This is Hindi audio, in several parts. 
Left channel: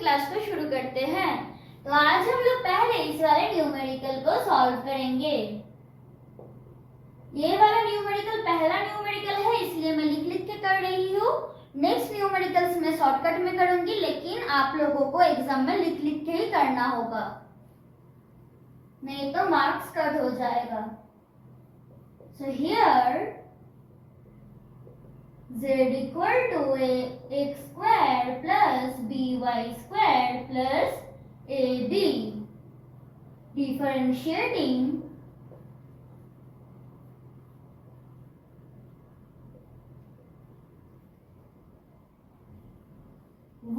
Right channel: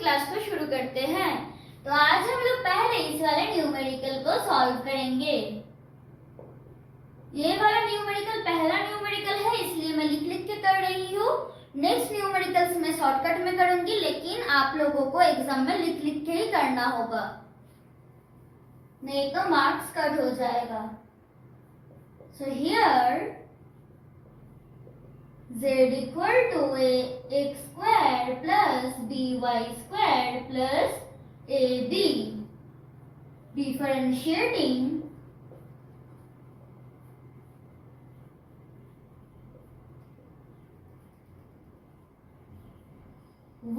क्लास को शुरू करते हैं। तो आज हम लोग पहले इस वाले न्यूमेरिकल को सॉल्व करेंगे। ये वाला न्यूमेरिकल पहला न्यूमेरिकल है, इसलिए मैं लिख लिख के कर रही हूँ। नेक्स्ट न्यूमेरिकल्स मैं शॉर्टकट में करूंगी, लेकिन आप लोगों को एग्जाम में लिख लिख के ही करना होगा, नहीं तो मार्क्स कट हो जाएगा। So here z equal to x square plus by square plus ab. Differentiating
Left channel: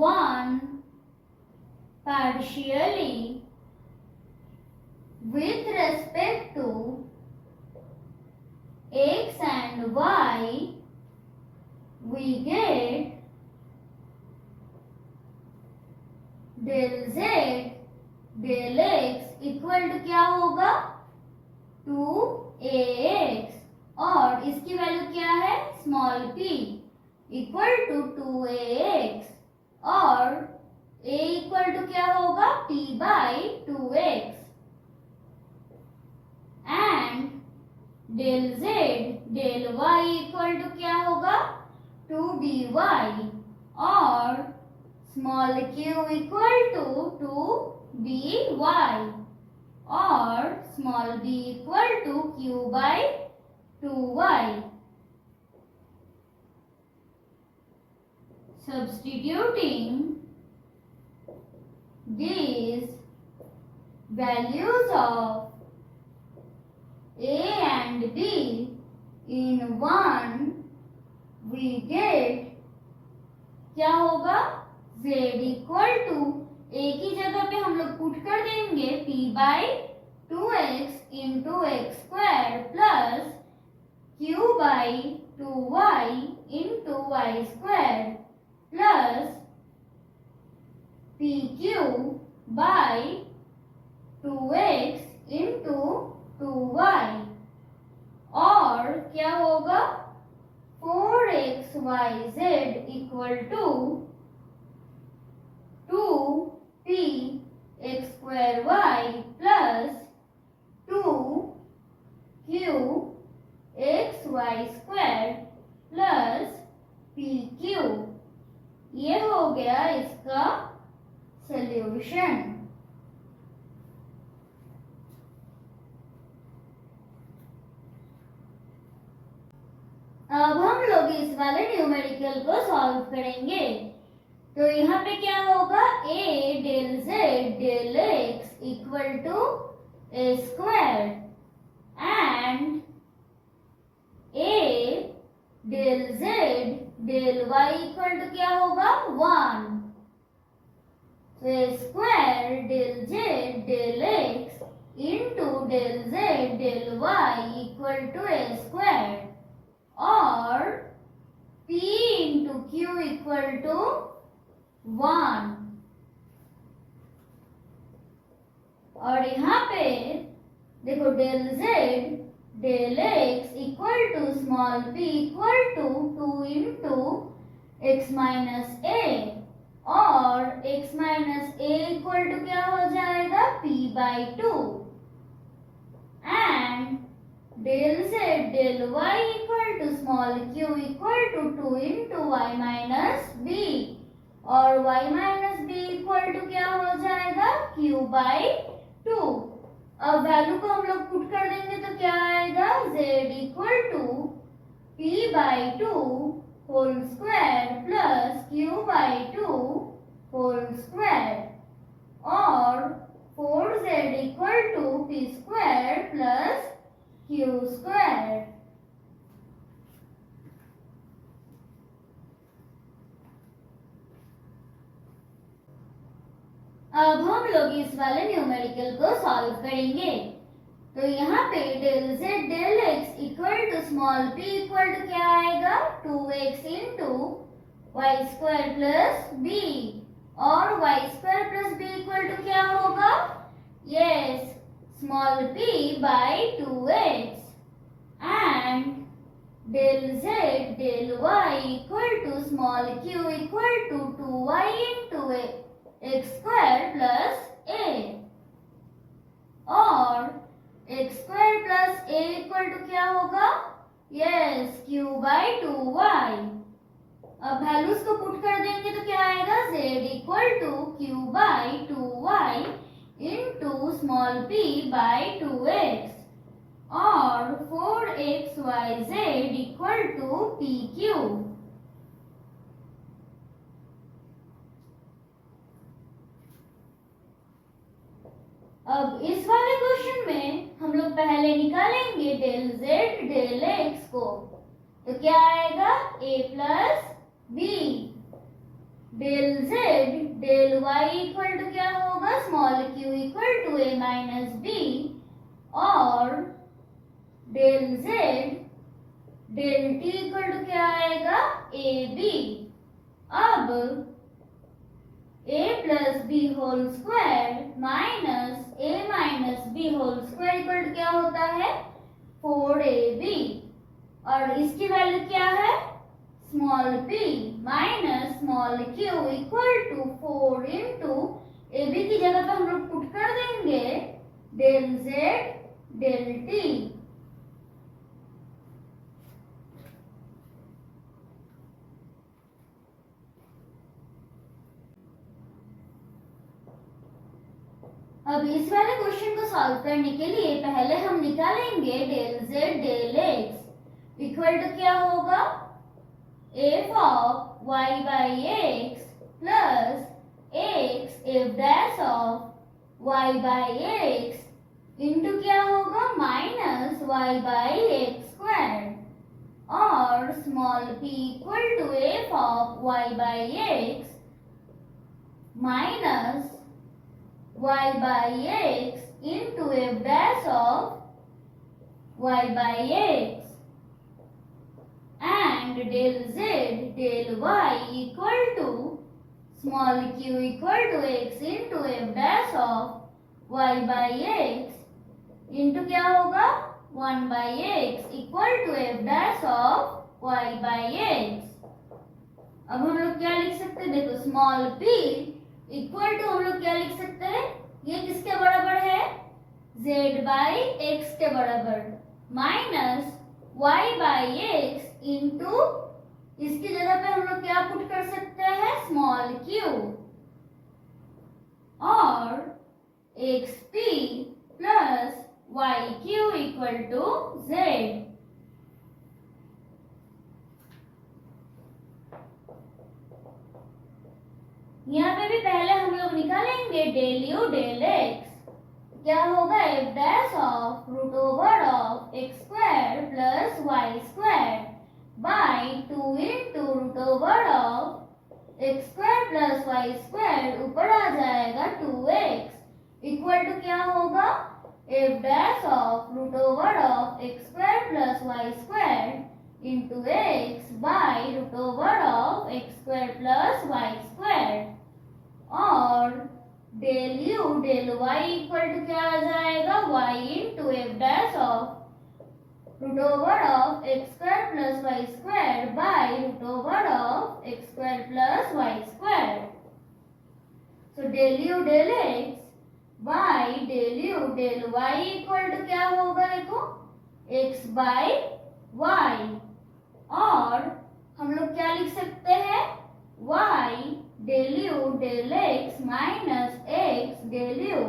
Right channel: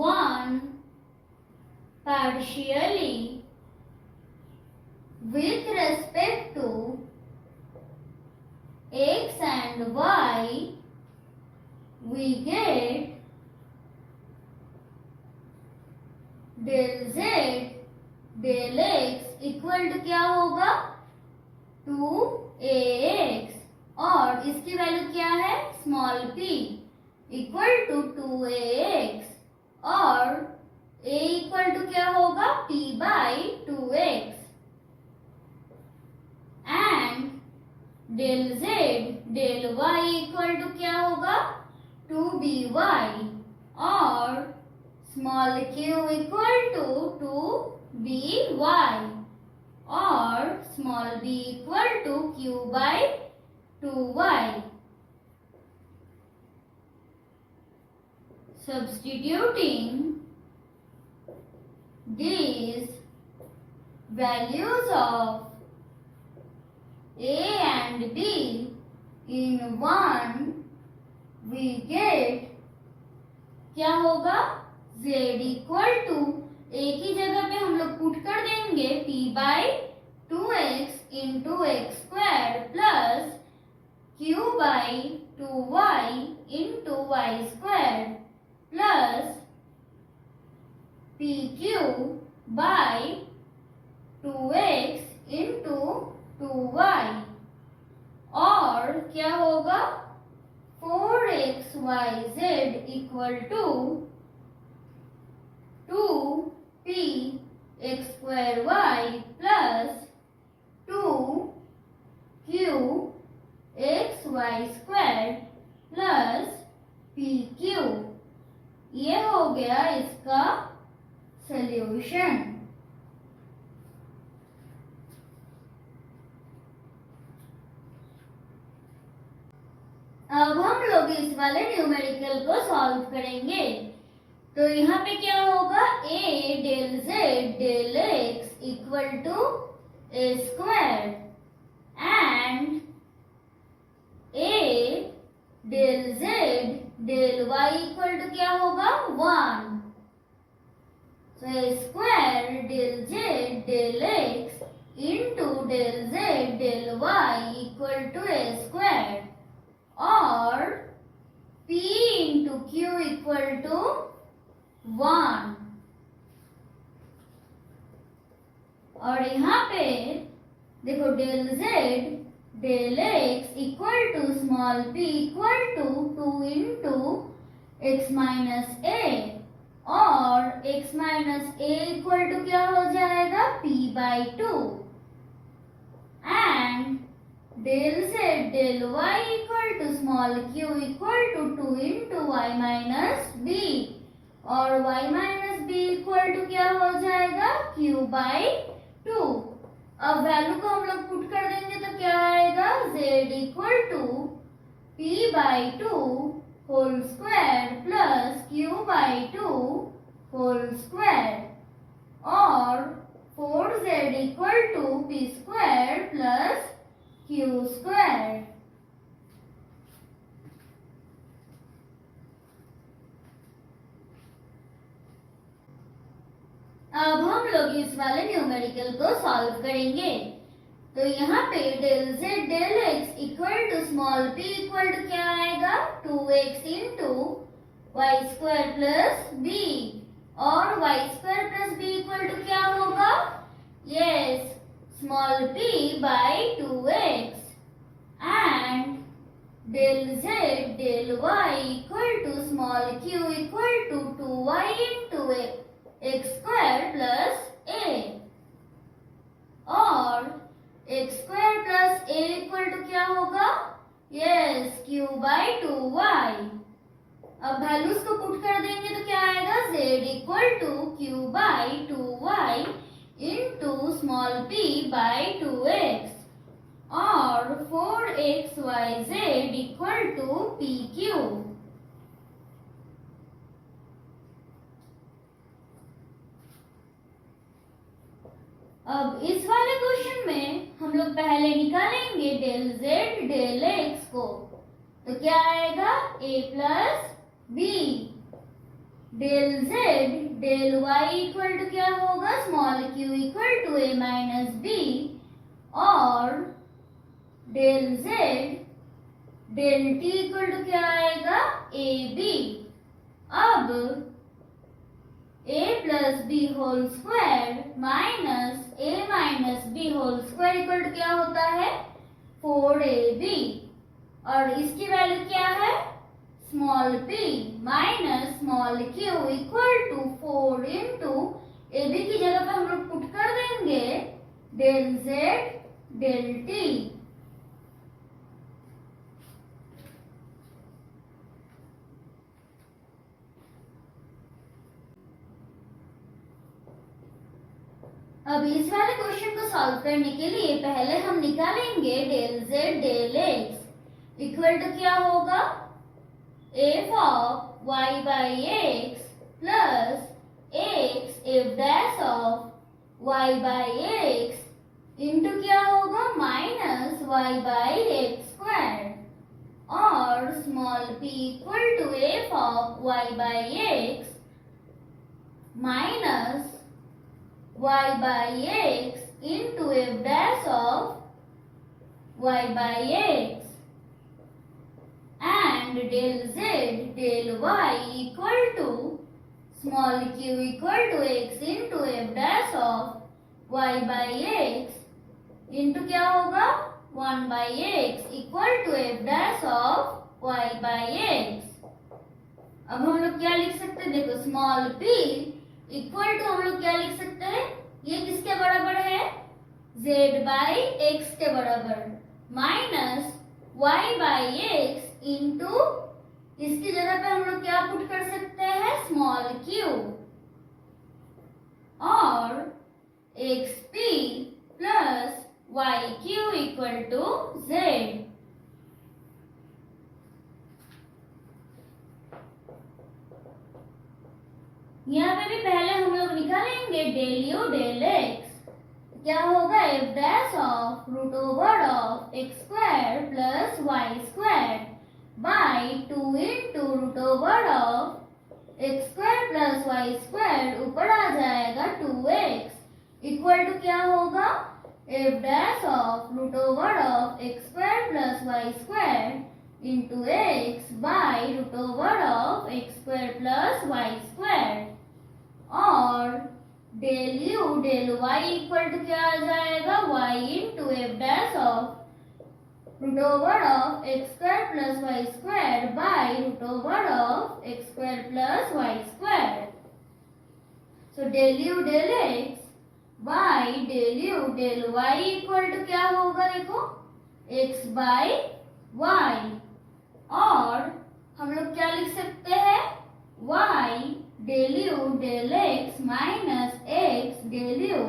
one partially with respect to x and y, we get del z del x equal to क्या होगा 2ax, और इसकी वैल्यू क्या है small p equal to 2ax, और a इक्वल टू क्या होगा p by 2x, and del z del y equal to क्या होगा 2by, और small q equal to 2by, और small b equal to q by 2y. Substituting these values of a and b in one, we get क्या होगा z इक्वल टू a की जगह पे हम लोग पुट कर देंगे p by 2x into x square plus q by 2y into y square plus pq by 2x into 2y, और क्या होगा 4xyz equal to 2p x square y plus 2q x y square plus pq. ये हो गया इसका सॉल्यूशन। अब हम लोग इस वाले न्यूमेरिकल को सॉल्व करेंगे। तो यहाँ पे क्या होगा a del z del x equal to a square, and a del z del y equal to क्या होगा 1, तो a square del z del x into del z del y equal to a square, और p into q equal to 1, और यहाँ पे देखो del z del x equal to small p equal to 2 into x minus a, और x minus a equal to क्या हो जाएगा p by 2, and del z del y equal to small q equal to 2 into y minus b, और y minus b equal to क्या हो जाएगा q बाई 2. अब वैल्यू को हम लोग पुट कर देंगे तो क्या आएगा z equal to p by 2 whole square plus q by 2 whole square, और 4z equal to p square plus q square. अब हम लोग इस वाले न्यूमेरिकल को सॉल्व करेंगे। तो यहाँ पे del z del x equal to small p equal to क्या आएगा 2x into y square plus b, और y square plus b equal to क्या होगा yes small p by 2x, and del z del y equal to small q equal to 2y into X square plus A, और x square plus A equal to क्या होगा, यस क्यू बाई 2y। अब वैल्यूज को पुट कर देंगे तो क्या आएगा, z equal to q by 2y into small p by 2x, और 4xyz equal to P Q. अब इस वाले क्वेश्चन में हम लोग पहले निकालेंगे डेल z डेल x को, तो क्या आएगा a plus B, del z del y equal to क्या होगा, small q equal to a minus B, और del z del t equal to क्या आएगा, a b। अब a plus B whole square minus a minus B whole square equal to क्या होता है, 4ab, और इसकी वैल्यू क्या है, small p minus small q equal to 4 into A B की जगह पे हम लोग पुट कर देंगे डेल z डेल t। अब इस वाले क्वेश्चन को सॉल्व करने के लिए पहले हम निकालेंगे del z del x equal to क्या होगा, f of y by x plus x f dash of y by x into क्या होगा, minus y by x square, और small p equal to f of y by x minus y by x into f dash of y by x, and del z del y equal to small q equal to x into f dash of y by x into क्या होगा, 1 by x equal to f dash of y by x। अब हम लोग क्या लिख सकते हैं, देखो स्मॉल p इक्वल टू हम लोग क्या लिख सकते हैं, ये किसके बराबर है, z बाई एक्स के बराबर, minus y by x into इसकी जगह पे हम लोग क्या पुट कर सकते हैं, स्मॉल q, और xp plus yq equal to z। यहाँ पे भी पहले हम लोग निकालेंगे डेल यू डेल एक्स, क्या होगा, f dash of root over of x square plus y square by 2 into root over of x square plus y square, ऊपर आ जाएगा 2x इक्वल टू क्या होगा, f dash of root over of x square plus y square into x by root over of x square plus y square, और del u del y equal to क्या आ जाएगा, y into f dash of root over of x square plus y square by root over of x square plus y square. So del u del x by del u del y equal to क्या होगा, देखो x बाई वाई, और हम लोग क्या लिख सकते हैं, y del u del x minus x del u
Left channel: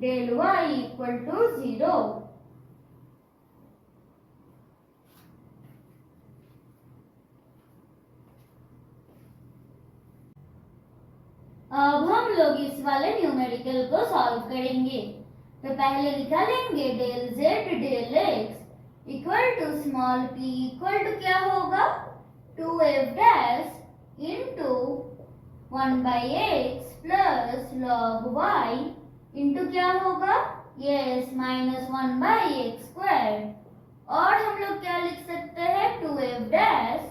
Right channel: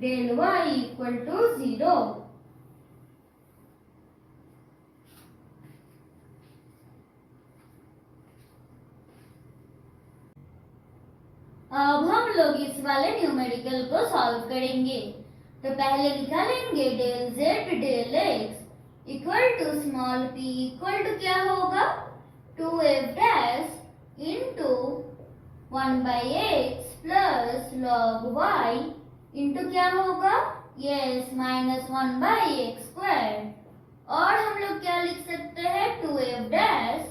del y equal to 0। अब हम लोग इस वाले न्यूमेरिकल को सॉल्व करेंगे, तो पहले निकालेंगे del z del x equal to small p equal to क्या होगा, 2f dash into 1 by x plus log y into क्या होगा, yes minus 1 by x square, और हम लोग क्या लिख सकते हैं, 2f dash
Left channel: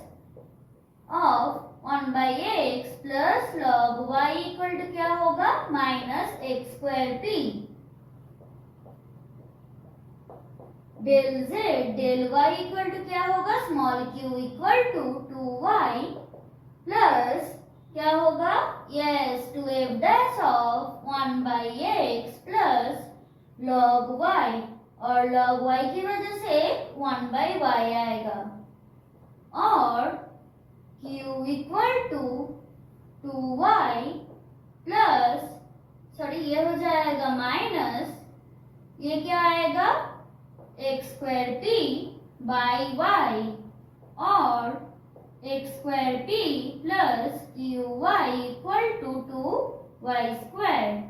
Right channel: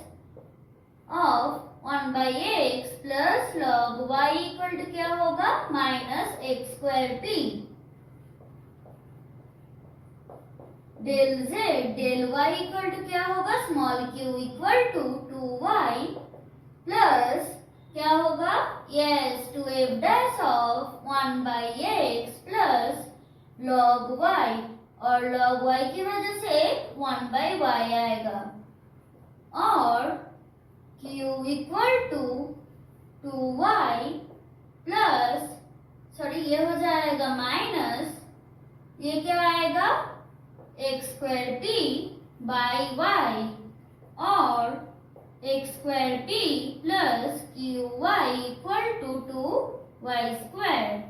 of 1 by x plus log y equal to क्या होगा, minus x square p, del z del y equal to क्या होगा, small q equal to 2y plus क्या होगा, yes 2 to f dash of 1 by x plus log y, और लॉग वाई की वजह से 1 बाई वाई आएगा, और q equal to 2y plus, sorry ये हो जाएगा माइनस, ये क्या आएगा x square p by y, और x square p plus q y equal to 2y square.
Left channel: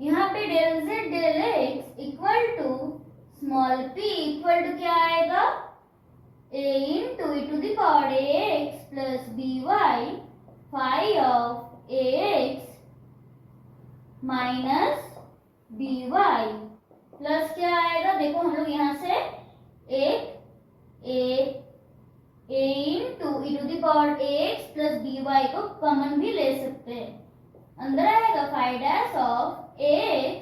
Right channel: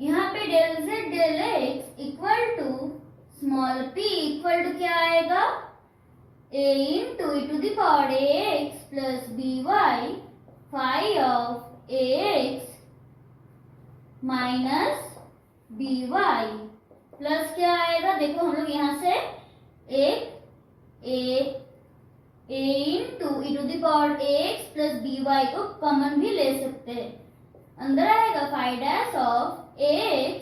यहाँ पे del z del x equal to small p equal to क्या आएगा a into e to the power ax plus by phi of ax minus by plus क्या आएगा, देखो हम लोग यहाँ से एक a into e to the power ax plus by को कॉमन भी ले सकते हैं, अंदर आएगा phi dash of ax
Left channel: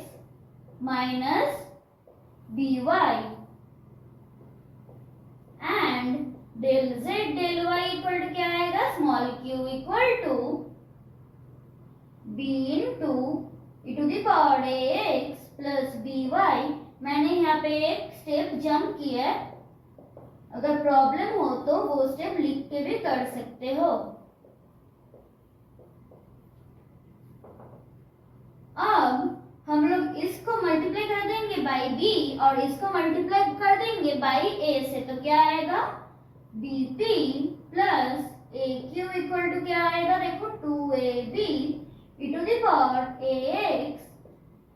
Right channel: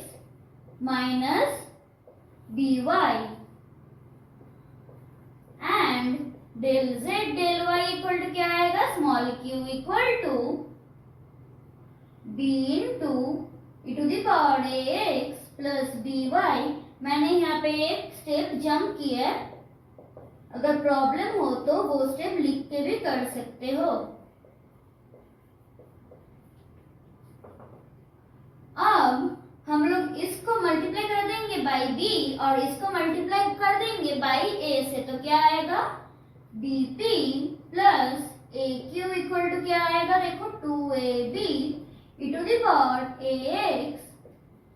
minus by and del z del y equal to क्या आएगा, small q equal to b into e to the power ax plus by। मैंने यहाँ पे एक स्टेप जंप किया है, अगर प्रॉब्लम हो तो वो स्टेप लिख के भी कर सकते हो। अब हम लोग इसको मल्टीप्लाई कर देंगे बाई b और इसको मल्टीप्लाई कर देंगे बाई a से, तो क्या आएगा bp plus aq equal to क्या आएगा, देखो 2ab e to the power ax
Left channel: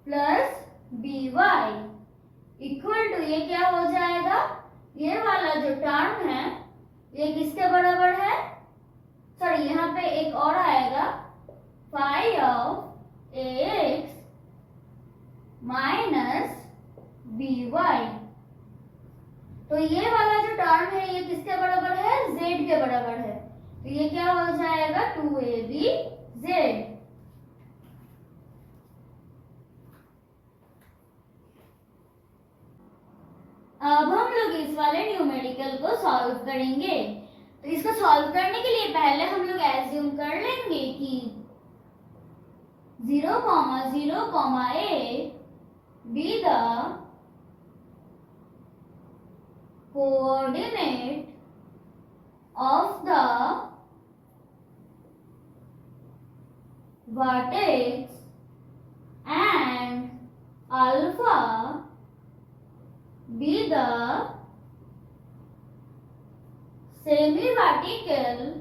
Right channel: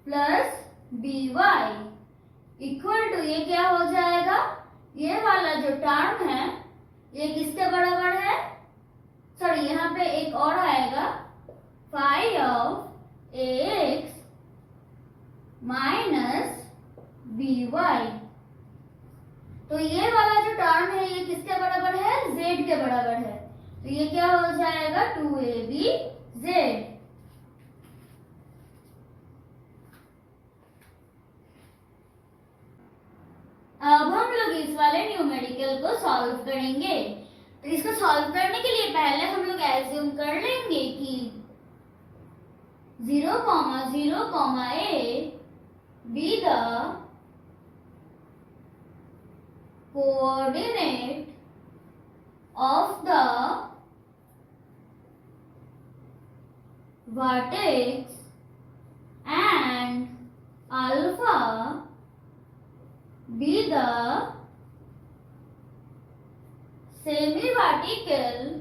plus by equal to, ये क्या हो जाएगा, ये वाला जो टर्म है ये किसके बराबर है, सॉरी यहाँ पे एक और आएगा phi of ax minus by, तो ये वाला जो टर्म है ये किसके बराबर है, z के बराबर है, तो ये क्या हो जाएगा 2abz। अब हम लोग इस वाले न्यूमेरिकल को सॉल्व करेंगे, तो इसको सॉल्व करने के लिए पहले हम लोग एज्यूम कर लेंगे कि 0, 0, a be the coordinate of the vertex and alpha be the semi-vertical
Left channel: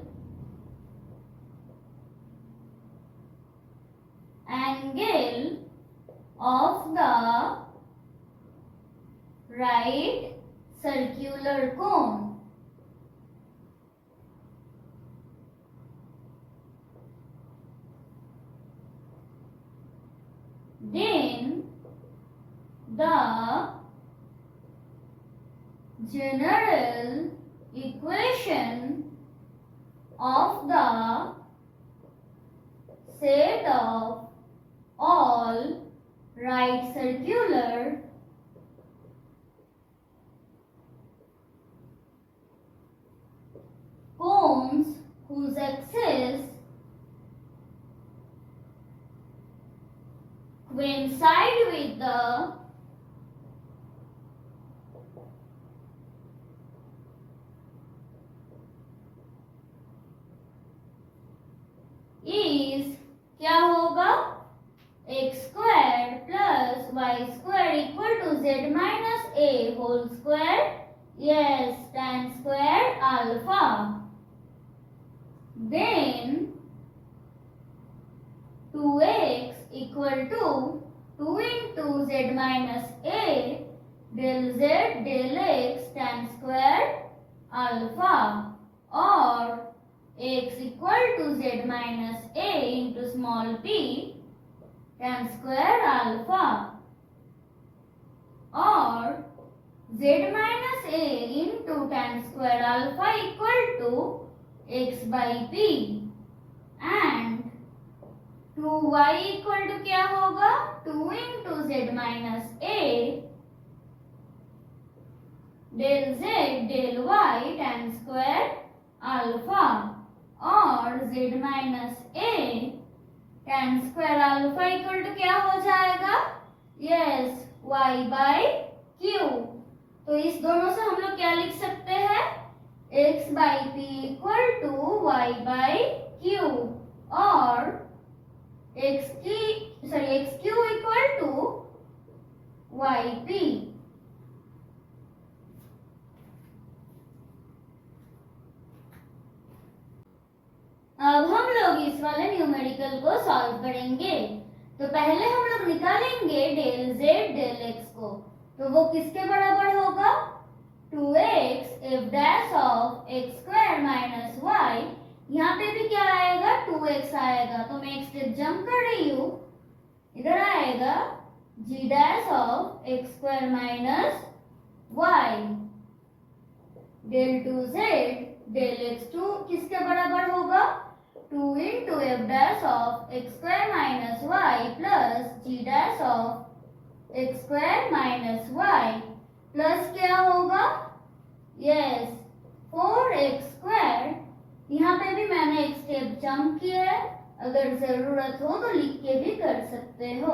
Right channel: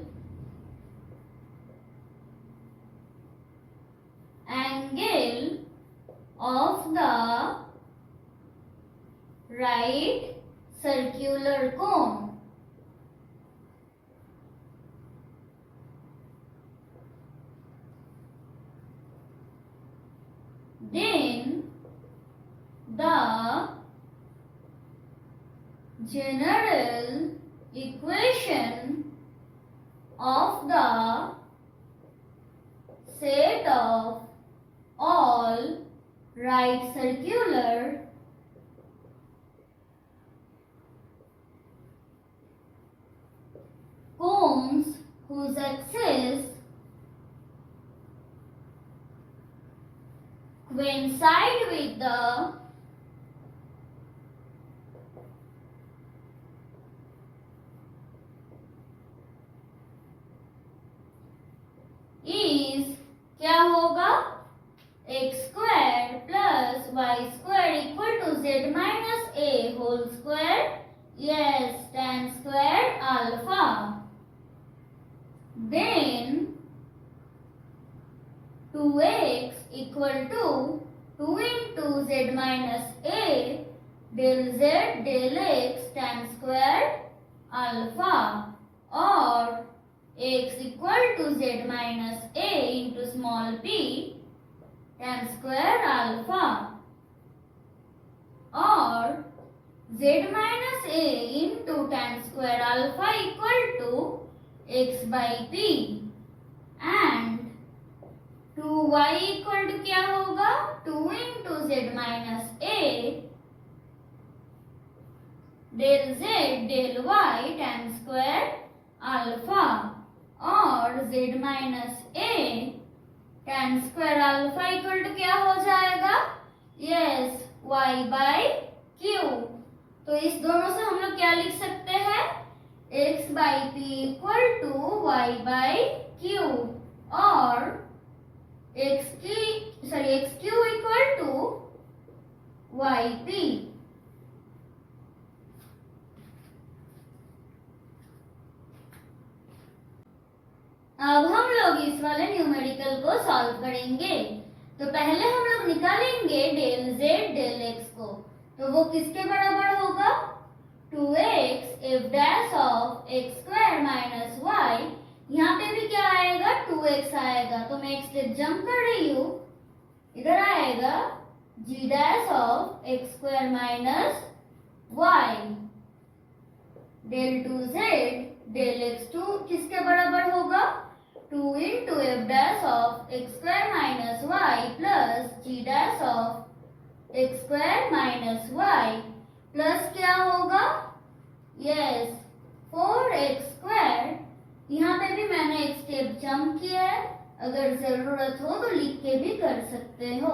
angle of the right circular cone. Then the general equation of the set of all right circular cones whose axes coincide with the is क्या होगा, x square plus y square equal to z minus a whole square, yes tan square alpha. Then 2x equal to 2 into z minus a del z del x tan square alpha, और x equal to z minus a into small p tan square alpha, और z minus a into tan square alpha equal to x by p and 2y equal to क्या होगा, 2 into z minus a del z del y tan square alpha और z minus a tan square alpha equal to क्या हो जाएगा? Yes, y by q. तो इस दोनों से हम लोग क्या लिख सकते हैं? x by p equal to y by q और x q equal to y p. अब हम लोग इस वाले न्यूमेरिकल को सॉल्व करेंगे। तो पहले हम लोग निकालेंगे डेल जेड डेल एक्स को। तो वो किसके बराबर होगा? 2x f dash of x square minus y। यहाँ पे भी क्या आएगा? 2x आएगा। तो मैं एक स्टेप जंप कर रही हूँ, इधर आएगा g dash of x square minus y del 2z del x2 किसके बराबर होगा? 2 into f dash of x square minus y plus g dash of x square minus y plus क्या होगा? Yes, 4x square. यहाँ पे भी मैंने एक स्टेप जंप किया है, अगर जरूरत हो तो लिख के भी कर सकते हो।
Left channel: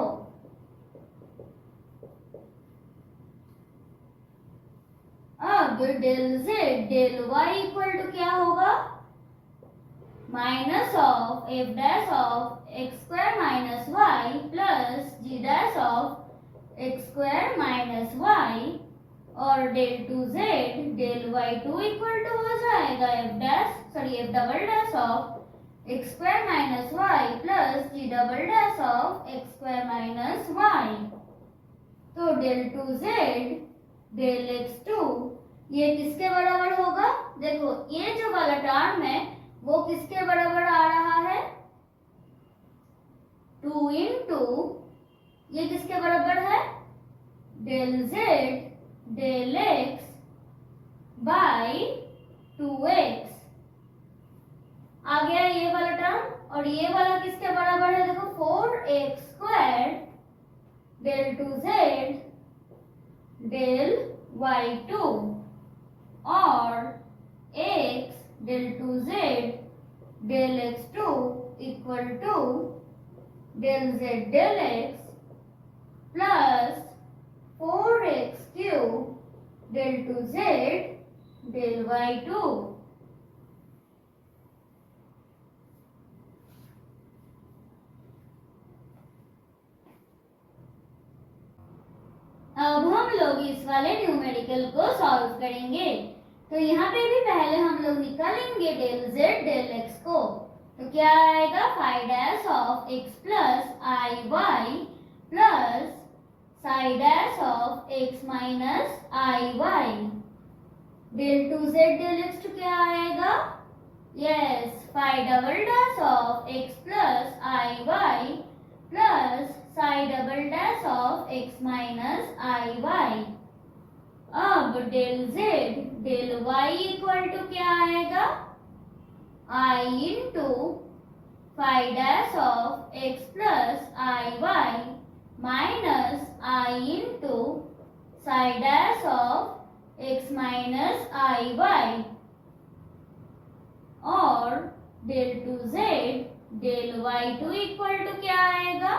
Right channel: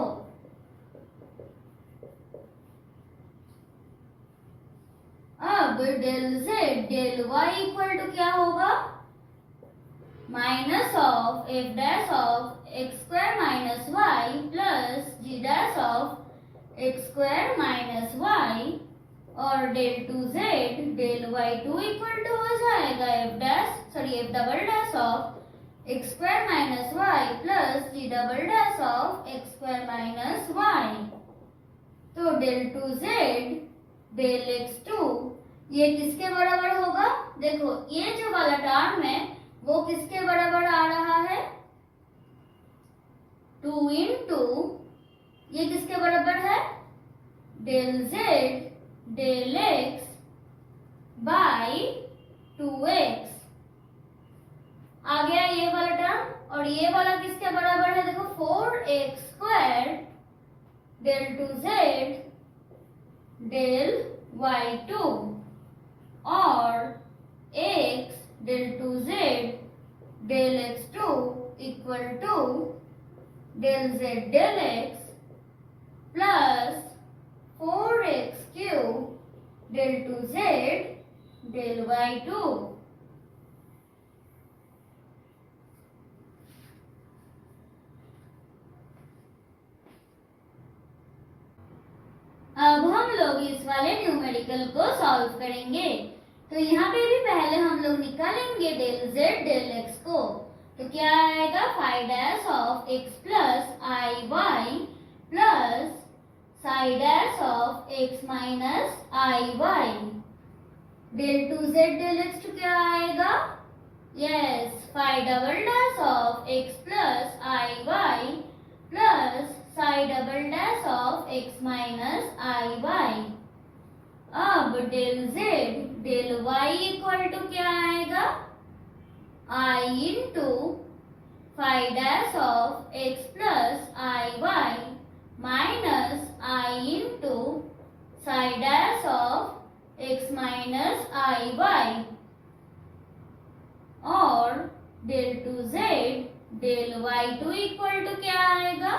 अब del z del y equal to क्या होगा? Minus of f dash of x square minus y plus g dash of x square minus y और del 2z del y2 equal to हो जाएगा f double dash of x square minus y plus g double dash of x square minus y. तो डेल 2z डेल x2 ये किसके बराबर होगा? देखो ये जो वाला टर्म है वो किसके बराबर आ रहा है? 2 इंटू ये किसके बराबर है? Del z del x by 2x आ गया ये वाला टर्म। और ये वाला किसके बराबर है? देखो 4x square del 2z del y2 और x del 2z del x2 equal to del z del x plus 4x cube del 2z del y2। अब हम लोग इस वाले न्यूमेरिकल को सॉल्व करेंगे। तो यहाँ पे भी पहले हम लोग निकालेंगे डेल जेड डेल एक्स को। तो क्या आएगा? 5 dash of x plus i y plus psi dash of x minus i y del 2z del x two क्या आएगा? Yes, 5 double dash of x plus i y plus psi double dash of x minus i y. अब del z del y equal to क्या आएगा? I into 5 dash of x plus i y minus i into psi dash of x minus i y और del 2z del y2 equal to क्या आएगा?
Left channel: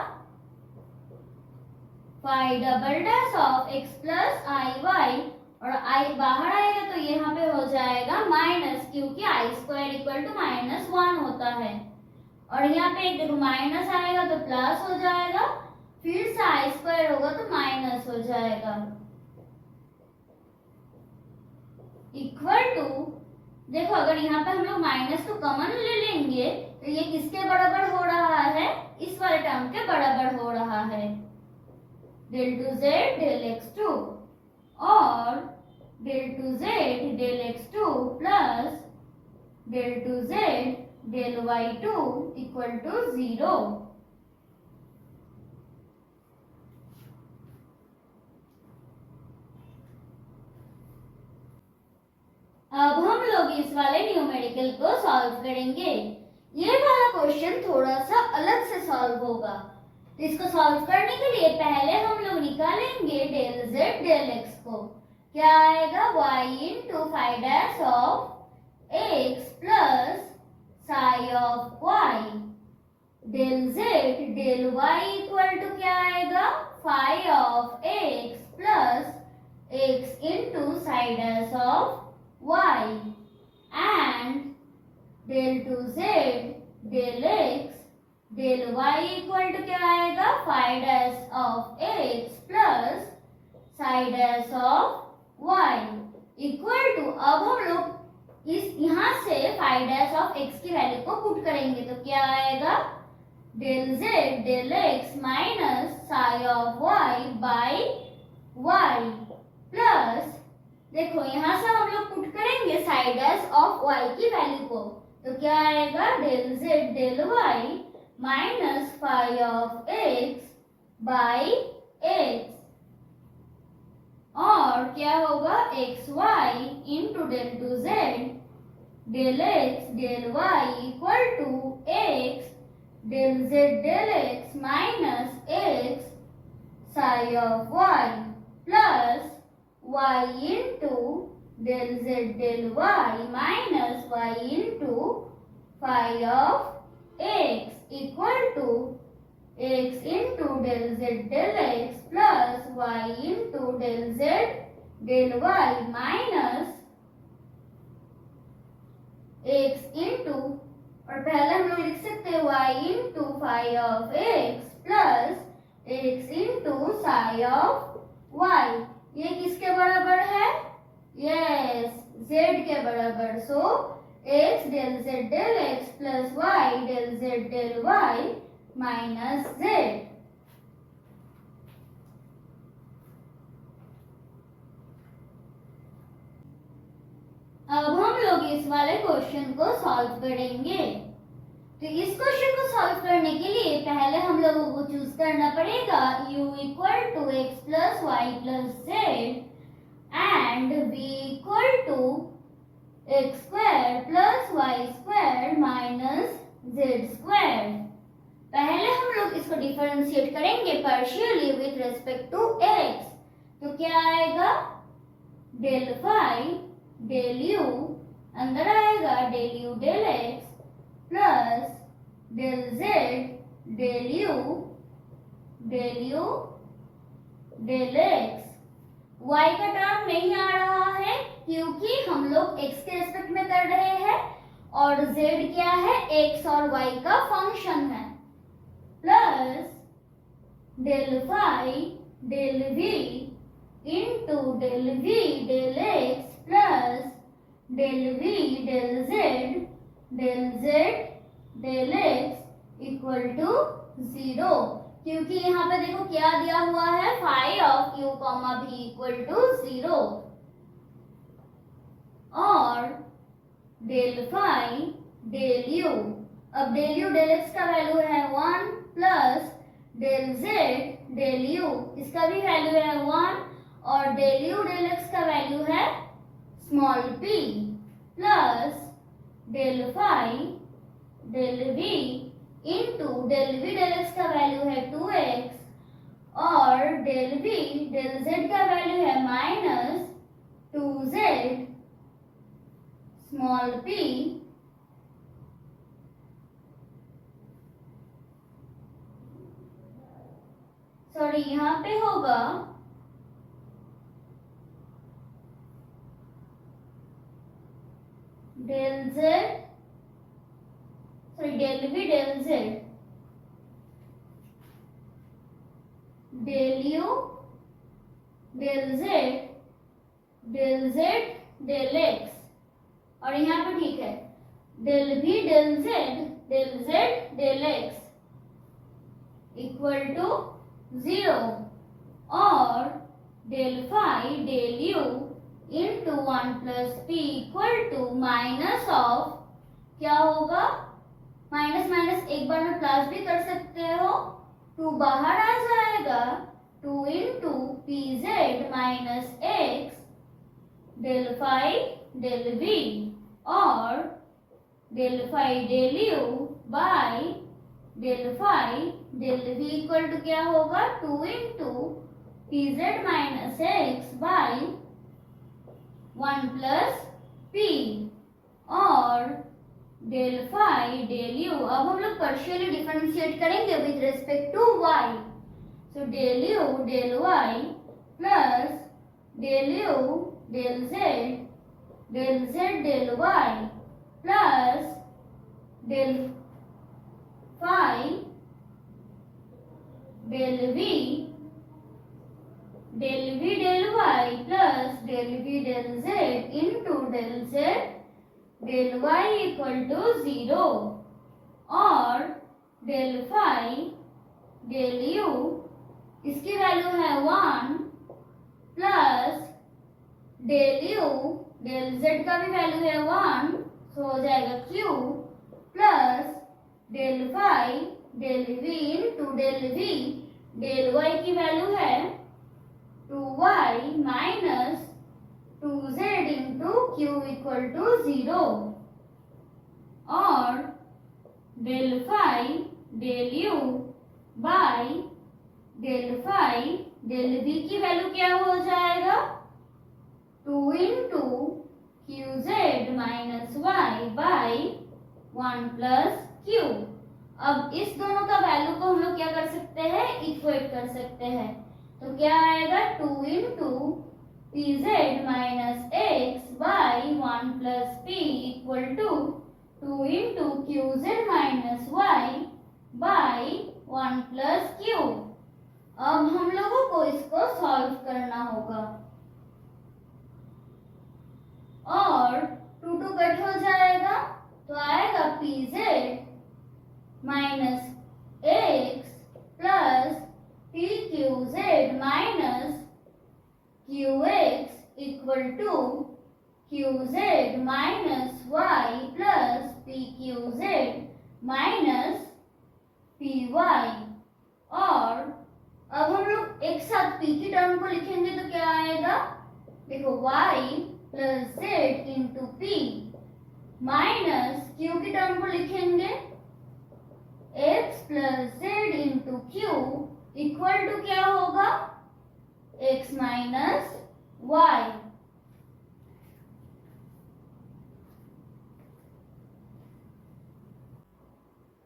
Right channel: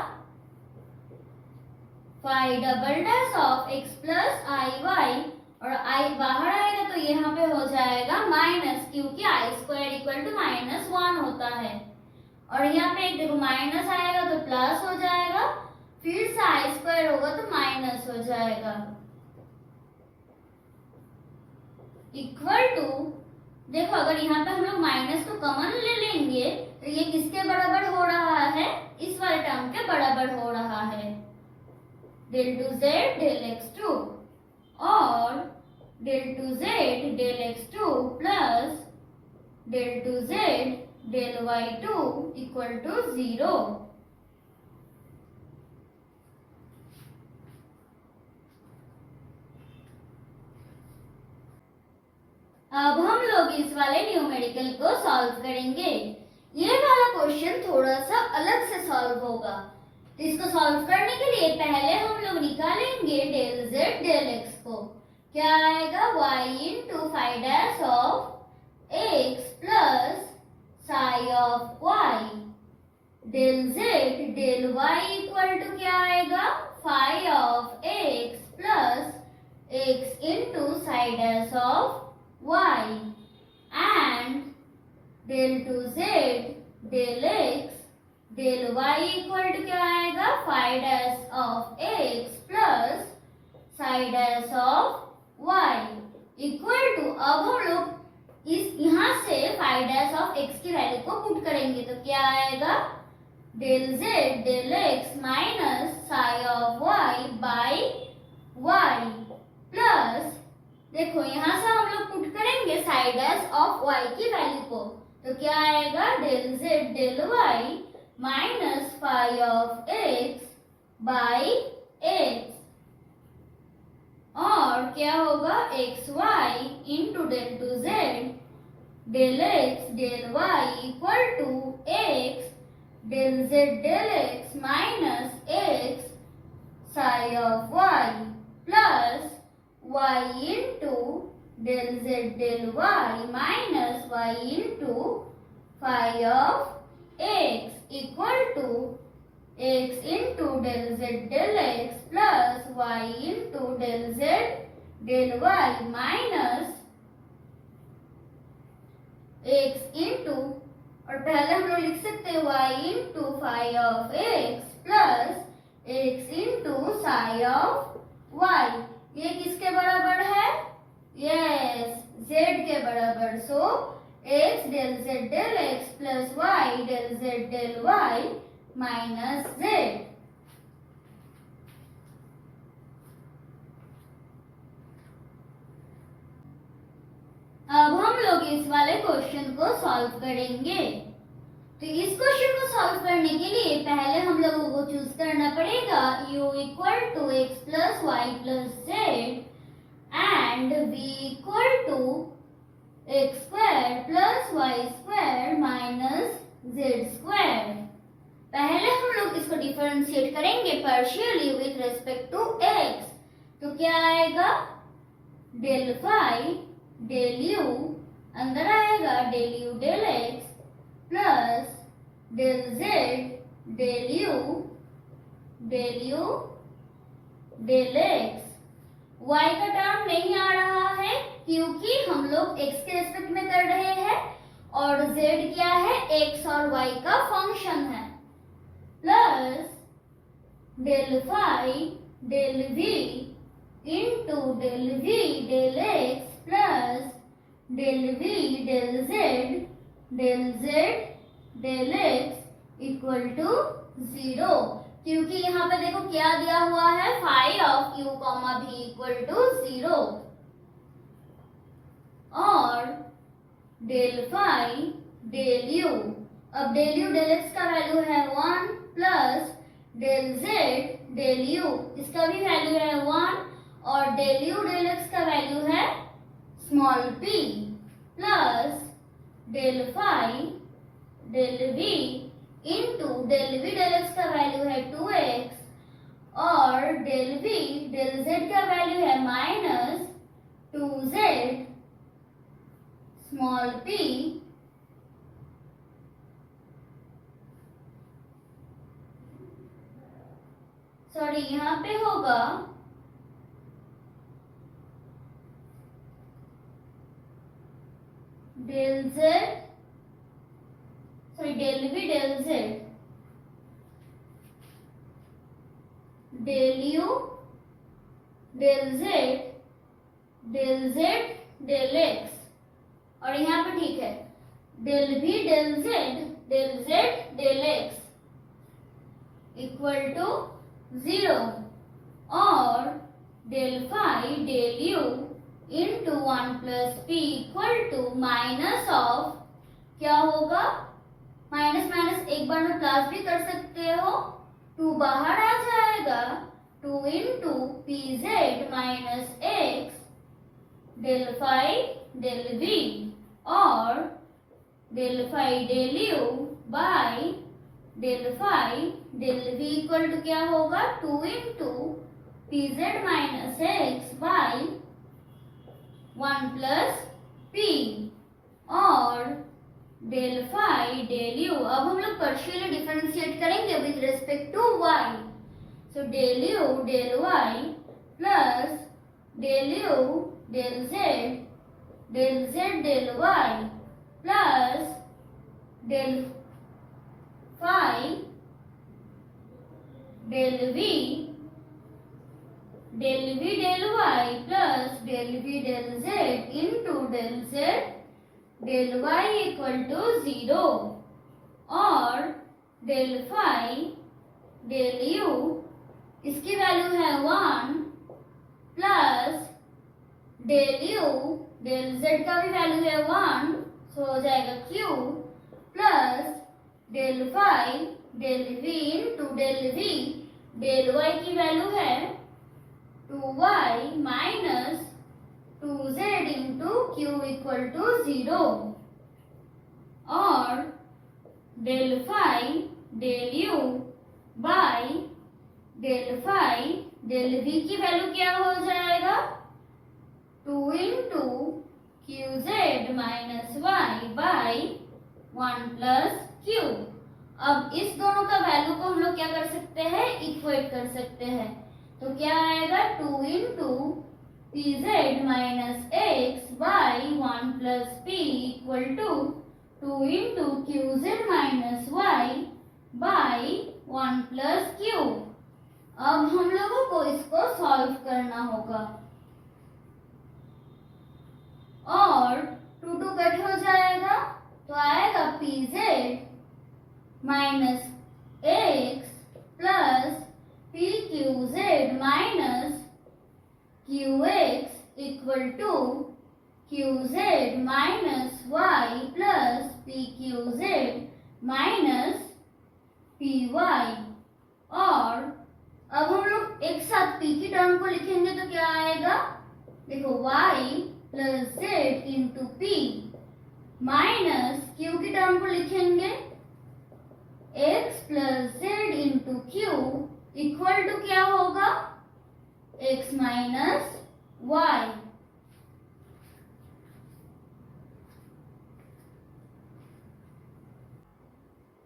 5 double dash of x plus i y और i बाहर आएगा तो यहाँ पे हो जाएगा माइनस, क्योंकि आई स्क्वायर इक्वल टू -1 होता है। और यहाँ पे एक देखो माइनस आएगा तो प्लस हो जाएगा, फिर से आई स्क्वायर होगा तो माइनस हो जाएगा। इक्वल टू देखो अगर यहाँ पे हम लोग माइनस को कॉमन ले लेंगे तो ये किसके बराबर हो रहा है? इस वाले टर्म के बराबर हो रहा है, डेल 2z डेल x2 और del 2z del x2 plus del 2z del y2 equal to 0। अब हम लोग इस वाले न्यूमेरिकल को सॉल्व करेंगे। ये वाला क्वेश्चन थोड़ा सा अलग से सॉल्व होगा। तो इसको सॉल्व करने के लिए पहले हम लोग निकालेंगे डेल z डेल x को। क्या आएगा y into phi dash of x plus psi of y। Del z del y equal to क्या आएगा phi of x plus x into psi dash of y and del two z del x del y equal to क्या आएगा phi dash of x plus psi dash of y equal to, अब हम लोग इस यहाँ से फाई डैश ऑफ x की वैल्यू को पुट करेंगे तो क्या आएगा del z del x minus psi of y by y plus, देखो यहाँ से हम लोग पुट करेंगे साई डैश ऑफ y की वैल्यू को तो क्या आएगा del z del y minus phi of x by x और क्या होगा x y into del two z del x del y equal to x del z del x minus x psi of y plus y into del z del y minus y into phi of x equal to x into del z del x plus y into del z del y minus x into, और पहले हम लोग लिख सकते हैं y into phi of x plus x into psi of y। ये किसके बराबर है? यस, z के बराबर। सो x del z del x plus y del z del y minus z। अब हम लोग इस वाले क्वेश्चन को सॉल्व करेंगे। तो इस क्वेश्चन को सॉल्व करने के लिए पहले हम लोगों को चूज करना पड़ेगा u equal to x plus y plus z and v equal to x square plus y square minus z square. पहले हम लोग इसको डिफरेंशिएट करेंगे partially with respect to x तो क्या आएगा डेल फाई डेल यू अंदर आएगा del u del x plus del z del u del x। y का टर्म नहीं आ रहा है क्योंकि हम लोग x के रेस्पेक्ट में कर रहे हैं और z क्या है x और y का फंक्शन है plus del phi del v into del v del x plus del v del z del x equal to 0 क्योंकि यहाँ पे देखो क्या दिया हुआ है phi of u comma v equal to 0 और डेल फाई डेल u, अब डेल u डेल x का वैल्यू है 1 plus del z del u इसका भी वैल्यू है 1 और डेल u डेल x का वैल्यू है small p plus del phi del v into del v del x का वैल्यू है 2x और डेल v डेल z का वैल्यू है minus 2z small p sorry यहाँ पे होगा del z sorry del v del z del u del z del x और यहाँ पे ठीक है del v del z del x equal to 0 और del phi del u into 1 plus p equal to minus of क्या होगा माइनस माइनस एक बार में प्लस भी कर सकते हो 2 बाहर आ जाएगा 2 into p z minus x del phi del v और del phi del u by del phi del v equal to क्या होगा 2 into p z minus x by 1 plus p और डेल फाई डेल यू। अब हम लोग पार्शियली डिफरेंशिएट करेंगे with respect to y। So del u del y plus del u del z del y plus del phi del v del y plus del v del z into del z del y equal to 0 और डेल फाई डेल u इसकी वैल्यू है 1 plus del u del z का भी वैल्यू है 1, तो हो जाएगा q plus del phi del v into del v del y की वैल्यू है 2y minus 2z into q equal to 0 और del phi del u by del phi del v की वैल्यू क्या हो जाएगा 2 into qz minus y by 1 plus q। अब इस दोनों का वैल्यू को हम लोग क्या कर सकते हैं, इक्वेट कर सकते हैं। तो क्या आएगा 2 into pz minus x by 1 plus p equal to 2 into qz minus y by 1 plus q। अब हम लोगों को इसको सॉल्व करना होगा और 2 2 कट हो जाएगा तो आएगा pz minus x plus pqz minus qx equal to qz minus y plus pqz minus py। और अब हम लोग एक साथ p की टर्म को लिखेंगे तो क्या आएगा, देखो y plus z into p minus q की टर्म को लिखेंगे x plus z into q equal to क्या होगा x माइनस y।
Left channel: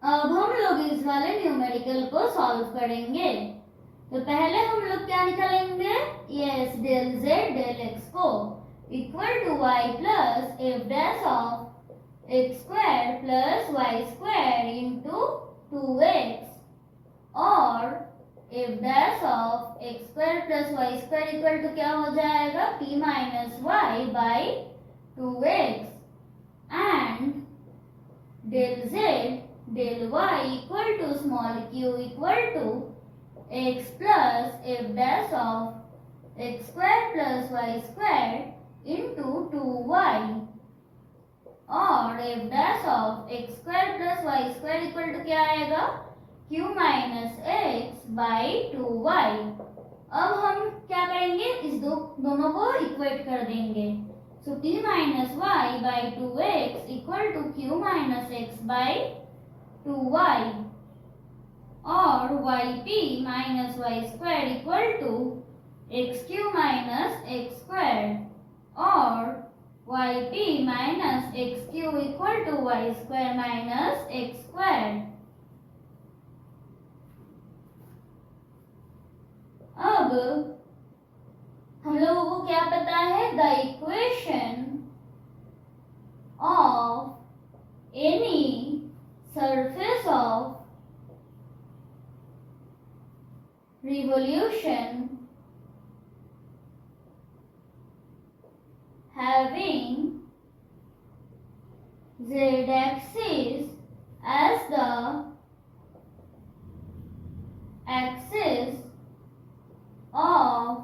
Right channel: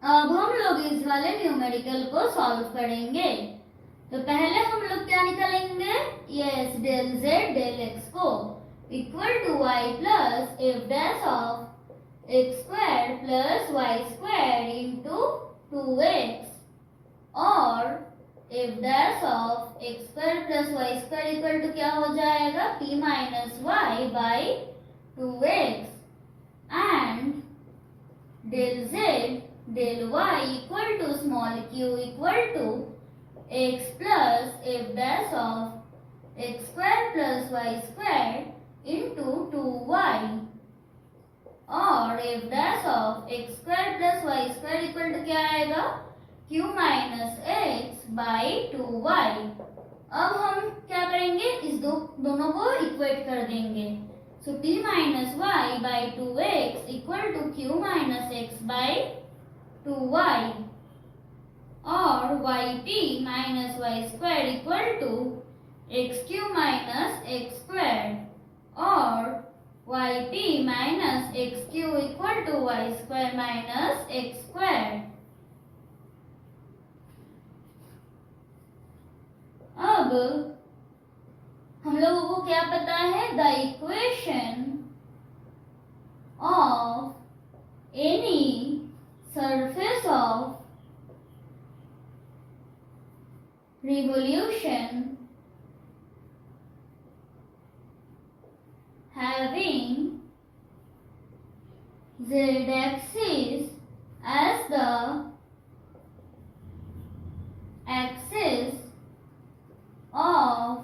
अब हम लोग इस वाले न्यूमेरिकल को सॉल्व करेंगे। तो पहले हम लोग क्या निकालेंगे, yes del z del x को equal to y plus f dash of x square plus y square into 2x और f dash of x square plus y square equal to क्या हो जाएगा p minus y by 2x and del z del y equal to small q equal to x plus f dash of x square plus y square into 2y और f dash of x square plus y square equal to क्या आएगा q minus x by 2y। अब हम क्या करेंगे, इस दोनों को इक्वेट कर देंगे। So p minus y by 2x equal to q minus x by 2y और yp minus y square equal to xq minus x square और yp minus xq equal to y square minus x square. अब हम लोगों को क्या पता है, the equation of any surface of revolution having z-axis as the axis of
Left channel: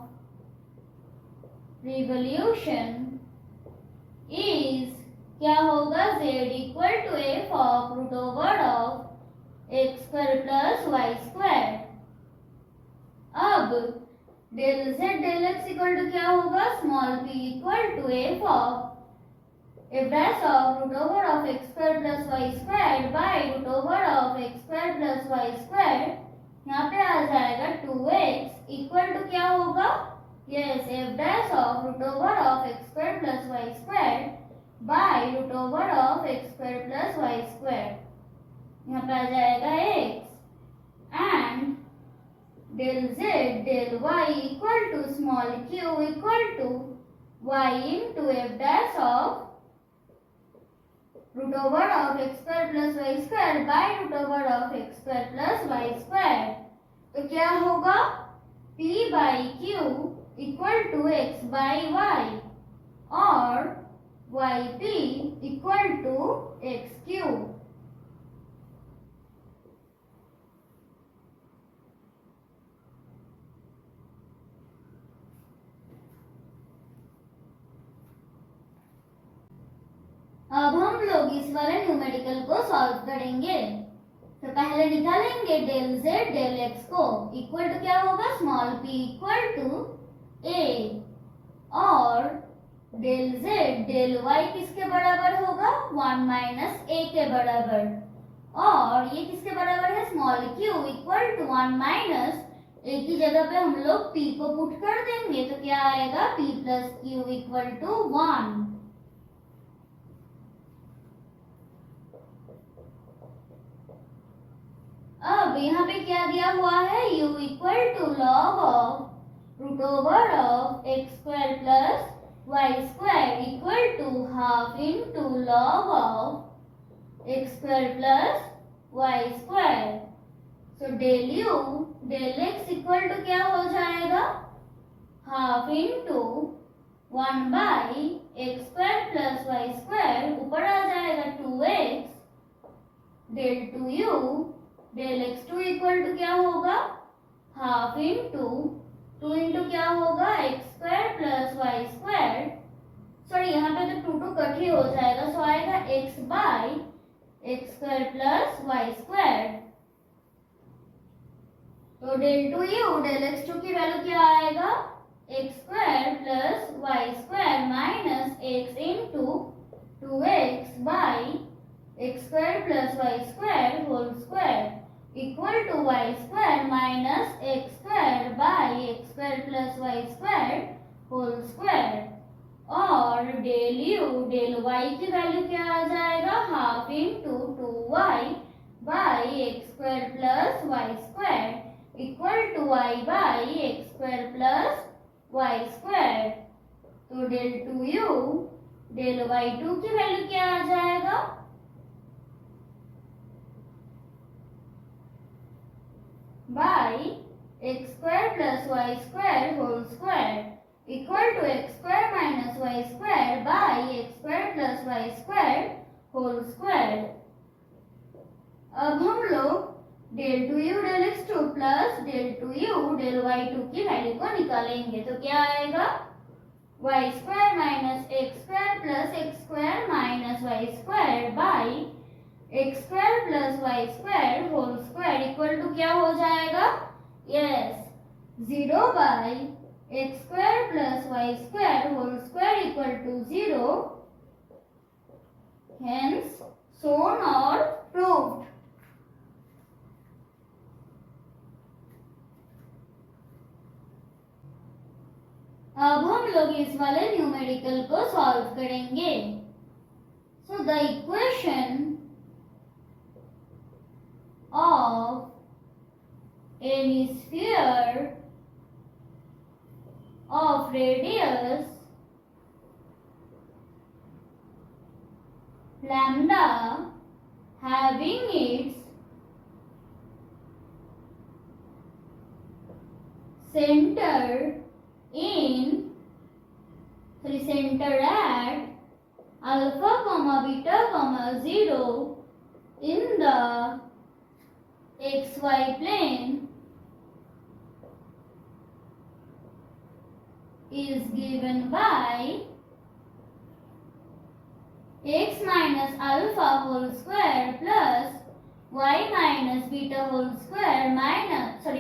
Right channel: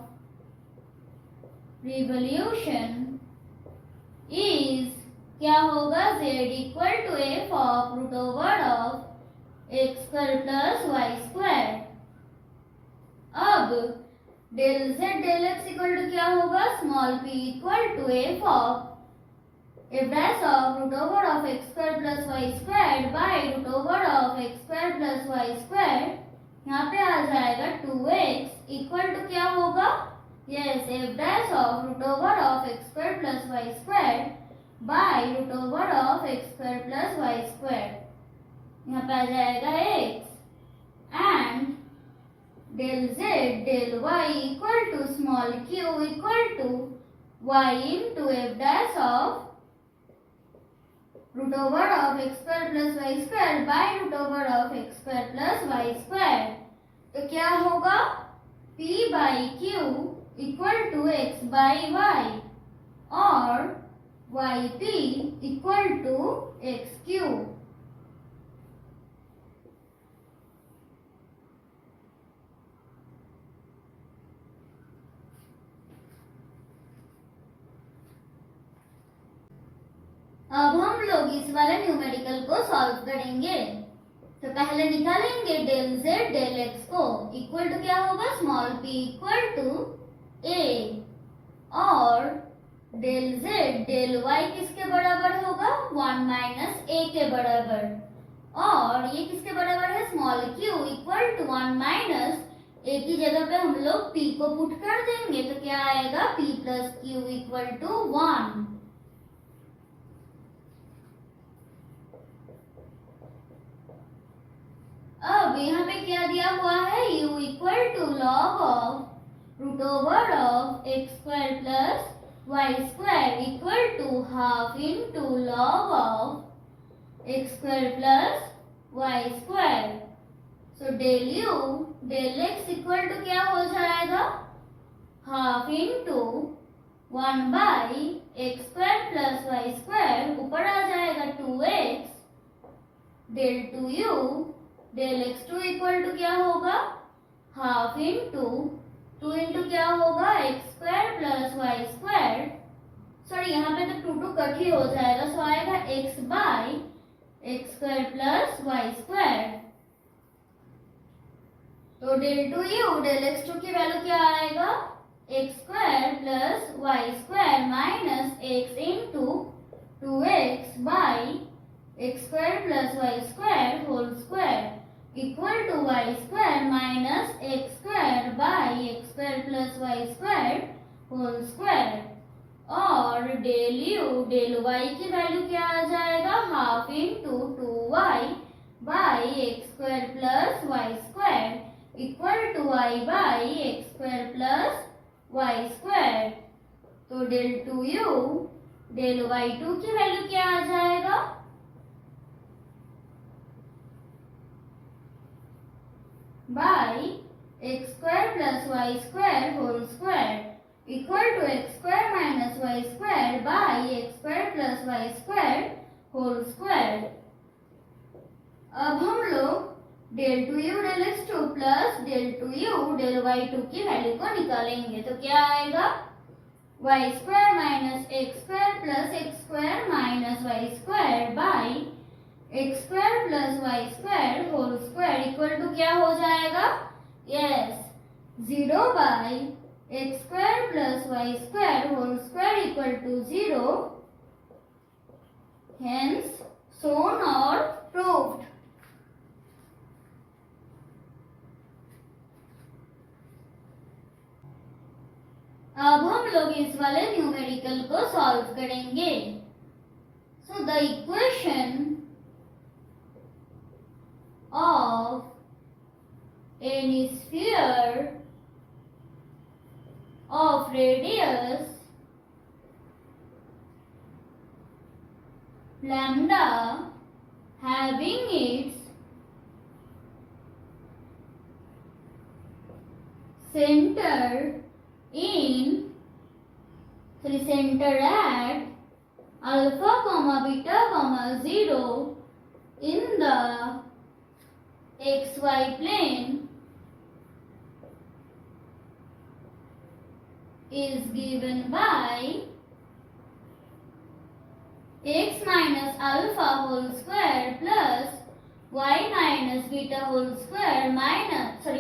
revolution is क्या होगा, z equal to f of root over of x square plus y square. अब del z del x equal to क्या होगा, small p equal to f of f dash of root over of x square plus y square by root over of x square plus y square. यहाँ पे आ जाएगा 2x इक्वल टू क्या होगा yes, f dash of root over of x square plus y square by root over of x square plus y square. यहाँ पे आ जाएगा x and del z del y equal to small q equal to y into f dash of root over of x square plus y square by root over of x square plus y square. तो क्या होगा p by q equal to x by y और yp equal to x cube. अब हम लोग इस वाले न्यूमेरिकल को सॉल्व करेंगे। तो पहले निकालेंगे डेल z डेल x को इक्वल टू क्या होगा small p equal to a और डेल z डेल y किसके बराबर होगा 1 माइनस a के बराबर और ये किसके बराबर है स्मॉल q इक्वल टू 1 माइनस a की जगह पे हम लोग p को पुट कर देंगे तो क्या आएगा p plus q equal to 1। अब यहाँ पे क्या दिया हुआ है u equal to log of root over of x square plus y square equal to half into log of x square plus y square. So del u del x equal to क्या हो जाएगा half into 1 by x square plus y square ऊपर आ जाएगा 2x del 2u del x2 equal to क्या होगा हाफ इनटू 2 इंटू क्या होगा x square plus y square sorry यहाँ पे तो 2 कट ही हो जाएगा सो आएगा x by x square plus y square. तो डेल 2u डेल x2 की वैल्यू क्या आएगा x square plus y square minus x into 2x by x square plus y square whole square equal to y square minus x square by x square plus y square whole square और डेल यू डेल वाई की वैल्यू क्या आ जाएगा half into 2y by x square plus y square equal to y by x square plus y square. तो डेल 2u डेल y2 की वैल्यू क्या आ जाएगा by x square plus y square whole square equal to x square minus y square by x square plus y square whole square. अब हम लोग del 2u del x2 plus del 2u del y2 की वैल्यू को निकालेंगे तो क्या आएगा y square minus x square plus x square minus y square by x square plus y square whole square equal to क्या हो जाएगा yes 0 by x square plus y square whole square equal to 0 hence shown और proved। अब हम लोग इस वाले न्यूमेरिकल को सॉल्व करेंगे। So the equation of any sphere of radius lambda having its center at alpha comma beta comma 0 in the xy plane is given by x minus alpha whole square plus y minus beta whole square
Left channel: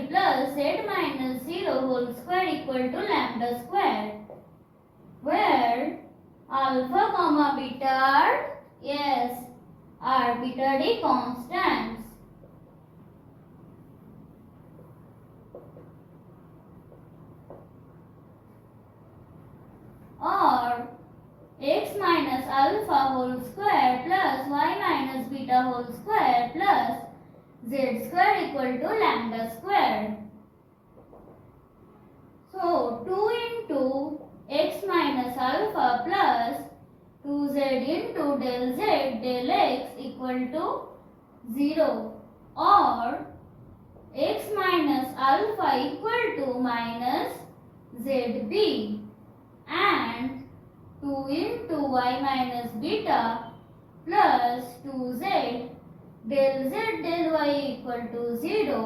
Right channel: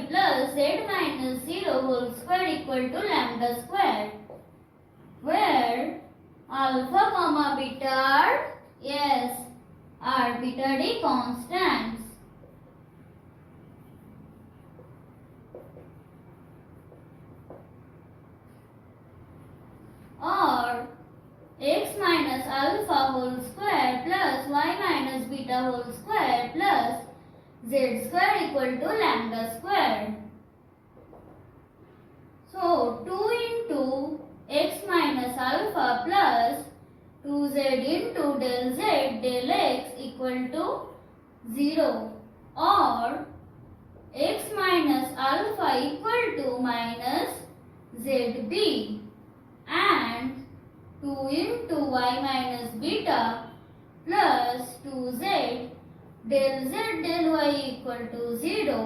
plus z minus 0 whole square equal to lambda square where alpha comma beta are arbitrary constants। Alpha whole square plus y minus beta whole square plus z square equal to lambda square. So 2 into x minus alpha plus 2z into del z del x equal to 0 or x minus alpha equal to minus zb and 2 into y minus beta plus 2z del z del y equal to 0.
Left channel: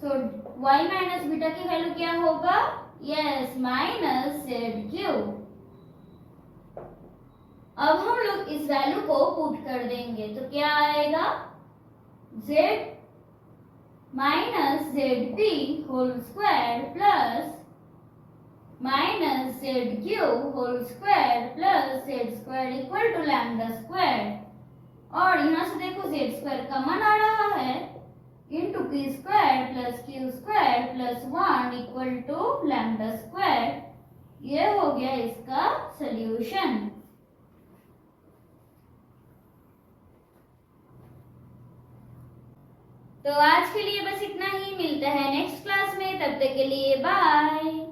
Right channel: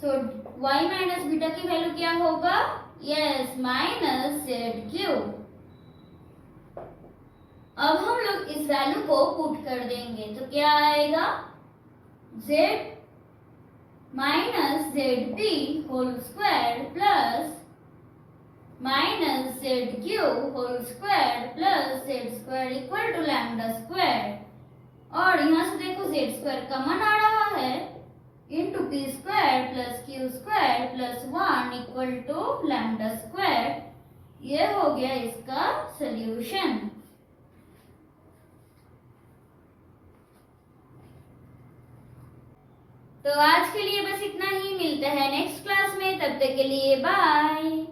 So y minus beta की वैल्यू क्या होगा? Yes, minus z cube. अब हम लोग इस वैल्यू को पुट कर देंगे तो क्या आएगा? z minus z p whole square plus minus z cube whole square plus z square equal to lambda square. और यहाँ से देखो जेड स्क्वायर कॉमन आ रहा है into p square plus q square plus 1 equal to lambda square. ये हो गया इसका सॉल्यूशन. तो आज के लिए बस इतना ही. मिलते हैं नेक्स्ट क्लास में. तब तक के लिए बाय.